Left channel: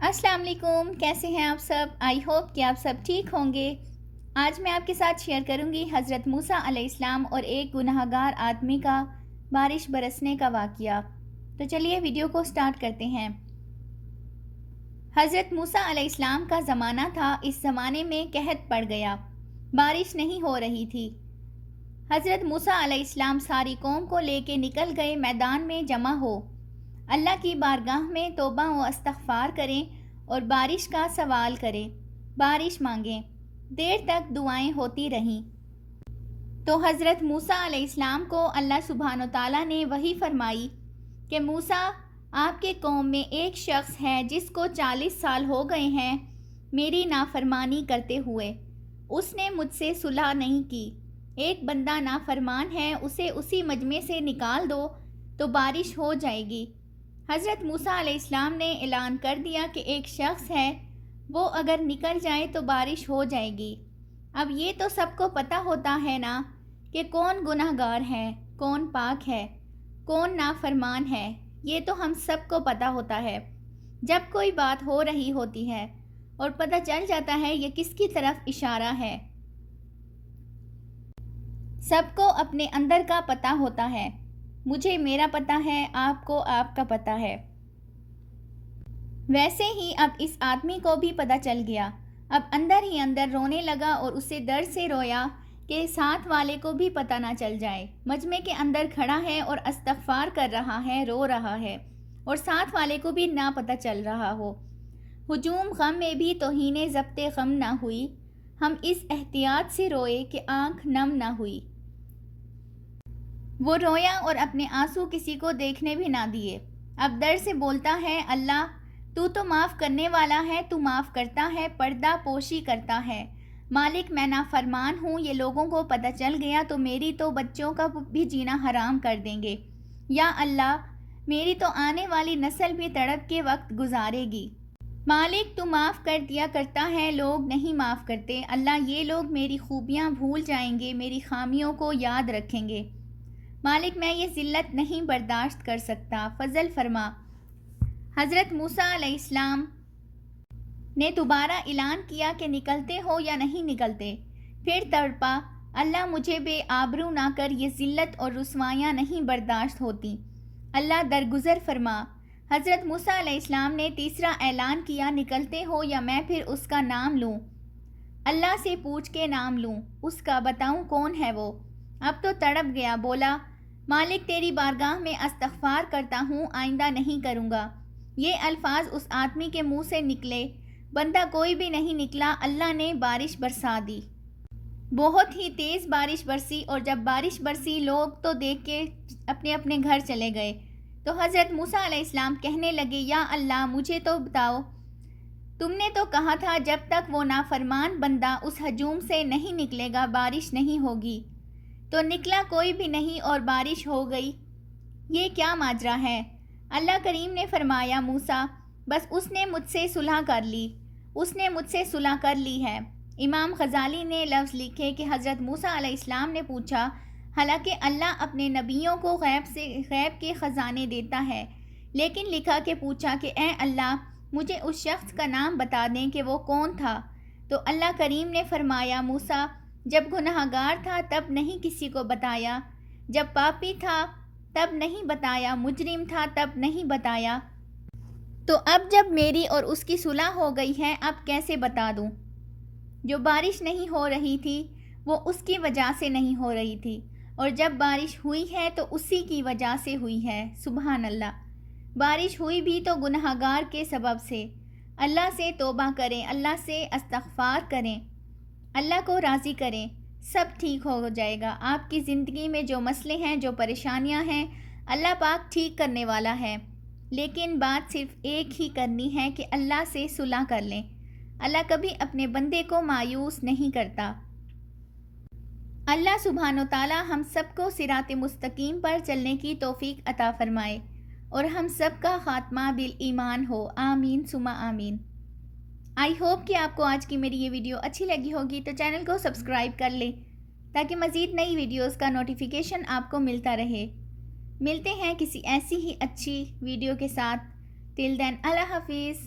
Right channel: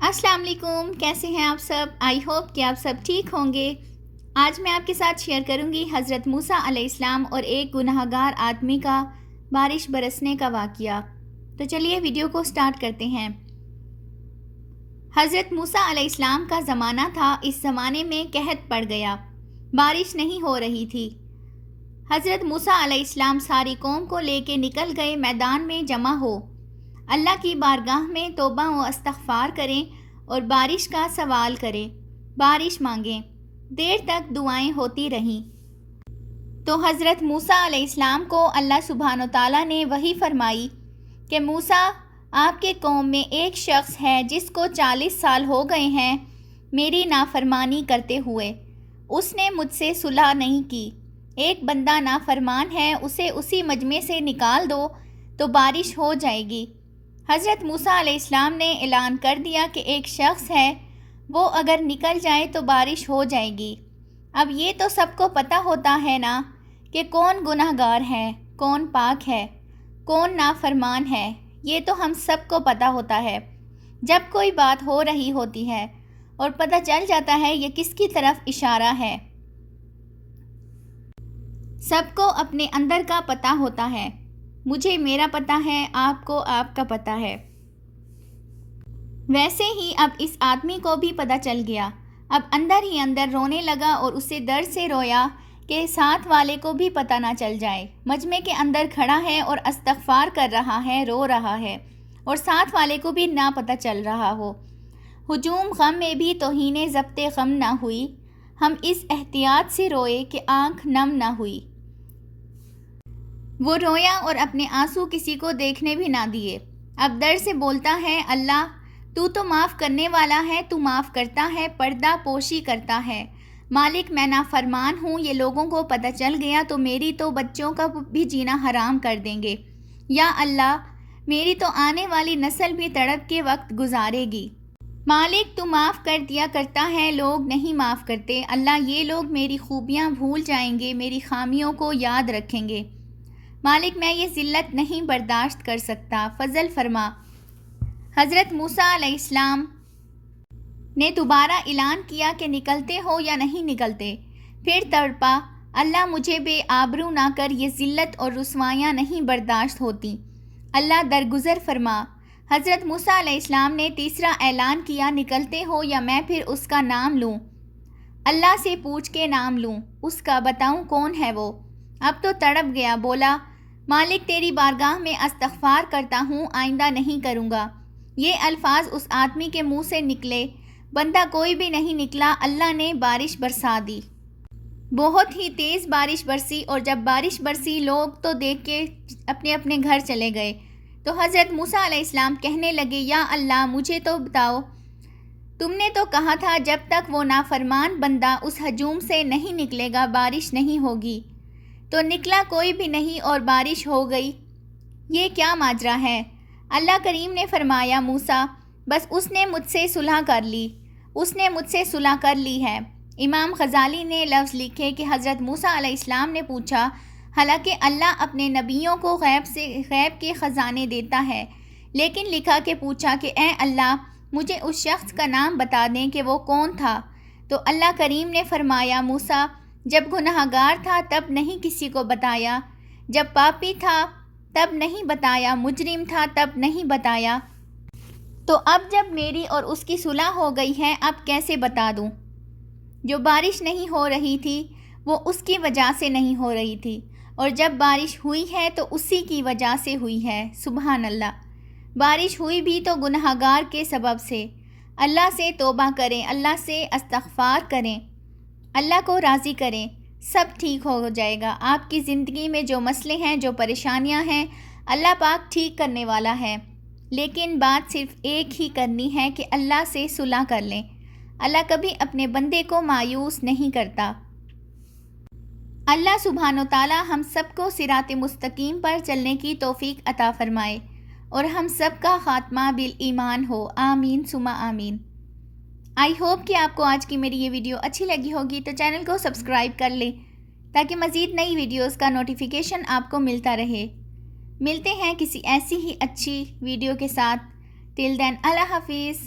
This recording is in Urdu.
السلام علیکم، کیسے ہیں آپ سب؟ آئی ہوپ کہ آپ سب ٹھیک ہوں گے۔ آج میں آپ کے ساتھ شیئر کروں گی حضرت موسیٰ علیہ السلام اور ایک گناہگار آدمی کا بارش برسنے کا واقعہ۔ تو چلیے ویڈیو کو سٹارٹ کرتے ہیں۔ حضرت موسیٰ علیہ السلام کا زمانہ تھا۔ اس زمانے میں قحط پڑ گیا، بارش نہیں ہو رہی تھی۔ حضرت موسیٰ علیہ السلام ساری قوم کو لے کے نکل گئے میدان میں جمع ہو، اللہ کی بارگاہ میں توبہ و استغفار کریں اور بارش کا سوال کریں، بارش مانگیں۔ دیر تک دعائیں ہوتی رہیں تو حضرت موسیٰ علیہ السلام کو اللہ سبحانہ وتعالیٰ نے وحی فرمائی کہ موسیٰ، آپ کے قوم میں ایک شخص ہے جس کو 40 سال ہو گئے ہیں میری نافرمانی کرتے ہوئے، اس نے مجھ سے صلح نہیں کی۔ ایک بندہ نافرمان ہے، اسے اسی مجمع سے نکال دو تو بارش ہو جائے گی۔ حضرت موسیٰ علیہ السلام نے اعلان کر دیا کہ ایک شخص ہے، وہ اگر نکل جائے تو بارش ہو جائے گی۔ اب یہ تو سب کو پتہ ہوتا ہے نا کہ کون گناہگار ہے، کون پاک ہے، کون نافرمان ہے، یہ تو ہم سب کو پتہ ہوتا ہے۔ جب کوئی بات ہو رہی ہوتی ہے اور پتہ چل جاتا ہے یہ کس کی طرف اشارہ ہے۔ سب کو اپنے اندر کا پتہ ہوتا ہے، مجھے میرا پتہ ہے، آپ کو آپ کا پتہ ہے۔ ویسے ہی اب اس آدمی کو بھی پتہ چل گیا، اب اندر ہی اندر رونے لگا اور اسے درد سے رویا کہ ساتھ والے کو بھی پتہ نہ چل جائے۔ مجمع کے اندر کھڑا ہے اور استغفار کر رہا ہے، رو رہا ہے اور ساتھ والے کو بھی نہ پتہ چل رہا ہو۔ ہجوم غم میں بھی توہین ضبط غم نہ ہوئی، ہم اس احتیاط سے روئے کہ آنکھ نم نہ ہوئی۔ وہ رویا اور اپنے آنسو کسی کو دیکھنے بھی نہ دیے۔ اب درد سے بولتا ہے، اللہ تو معاف کرنے والا ہے، تو معاف کرتا ہے، پردہ پوشی کرتا ہے۔ مالک، میں نافرمان ہوں، یہ لوگوں کو پتہ چل گیا تو میری تو بچوں کا بھی جینا حرام کر دیں گے۔ یا اللہ، میری تو آنے والی نسل بھی تڑپ کے وقت گزارے گی۔ مالک، تو معاف کر دیا کرتا ہے، لوگ نہیں معاف کرتے۔ اللہ، یہ لوگ میری خوبیاں بھول جائیں گے، میری خامیوں کو یاد رکھیں گے۔ مالک، میں یہ ذلت نہیں برداشت کر سکتا، فضل فرما۔ حضرت موسیٰ علیہ السلام نے دوبارہ اعلان کیا کہ نکلتے ہو یا نہیں نکلتے؟ پھر تڑپا، اللہ مجھے بے آبرو نہ کر، یہ ذلت اور رسوائیاں نہیں برداشت ہوتی، اللہ درگزر فرما۔ حضرت موسیٰ علیہ السلام نے تیسرا اعلان کیا، نکلتے ہو یا میں پھر اس کا نام لوں، اللہ سے پوچھ کے نام لوں، اس کا بتاؤں کون ہے وہ۔ اب تو تڑپ گیا، بولا، مالک تیری بارگاہ میں استغفار کرتا ہوں، آئندہ نہیں کروں گا۔ یہ الفاظ اس آدمی کے منہ سے نکلے، بندہ کوئی بھی نہیں نکلا، اللہ نے بارش برسا دی۔ بہت ہی تیز بارش برسی اور جب بارش برسی لوگ تو دیکھ کے اپنے اپنے گھر چلے گئے۔ تو حضرت موسیٰ علیہ السلام کہنے لگے، یا اللہ مجھے تو بتاؤ، تم نے تو کہا تھا جب تک وہ نافرمان بندہ اس ہجوم سے نہیں نکلے گا بارش نہیں ہوگی، تو نکلا کوئی بھی نہیں اور بارش ہو گئی، یہ کیا ماجرا ہے؟ اللہ کریم نے فرمایا، موسیٰ بس اس نے مجھ سے صلح کر لی، اس نے مجھ سے صلح کر لی ہے۔ امام غزالی نے لفظ لکھے کہ حضرت موسیٰ علیہ السلام نے پوچھا، حالانکہ اللہ اپنے نبیوں کو غیب کے خزانے دیتا ہے، لیکن لکھا کہ پوچھا کہ اے اللہ مجھے اس شخص کا نام بتا دیں کہ وہ کون تھا۔ تو اللہ کریم نے فرمایا، موسیٰ جب گناہگار تھا تب نہیں کسی کو بتایا، جب پاپی تھا تب نہیں بتایا، مجرم تھا تب نہیں بتایا، تو اب جب میری اور اس کی صلح ہو گئی ہے اب کیسے بتا دوں؟ جو بارش نہیں ہو رہی تھی وہ اس کی وجہ سے نہیں ہو رہی تھی، اور جب بارش ہوئی ہے تو اسی کی وجہ سے ہوئی ہے۔ سبحان اللہ، بارش ہوئی بھی تو گناہگار کے سبب سے۔ اللہ سے توبہ کریں، اللہ سے استغفار کریں، اللہ کو راضی کریں، سب ٹھیک ہو جائے گا۔ آپ کی زندگی میں جو مسئلے ہیں، جو پریشانیاں ہیں، اللہ پاک ٹھیک کرنے والا ہے، لیکن بات صرف ایک ہی کرنی ہے کہ اللہ سے صلح کر لیں۔ اللہ کبھی اپنے بندے کو مایوس نہیں کرتا۔ اللہ سبحانہ وتعالی ہم سب کو صراط مستقیم پر چلنے کی توفیق عطا فرمائے اور ہم سب کا خاتمہ بالایمان ہو، آمین ثم آمین۔ آئی ہوپ کہ آپ کو آج کی میری یہ ویڈیو اچھی لگی ہوگی، تو چینل کو سبسکرائب کر لیں تاکہ مزید نئی ویڈیوز کا نوٹیفیکیشن آپ کو ملتا رہے۔ ملتے ہیں کسی ایسی ہی اچھی ویڈیو کے ساتھ۔ ٹل دین اللہ حافظ۔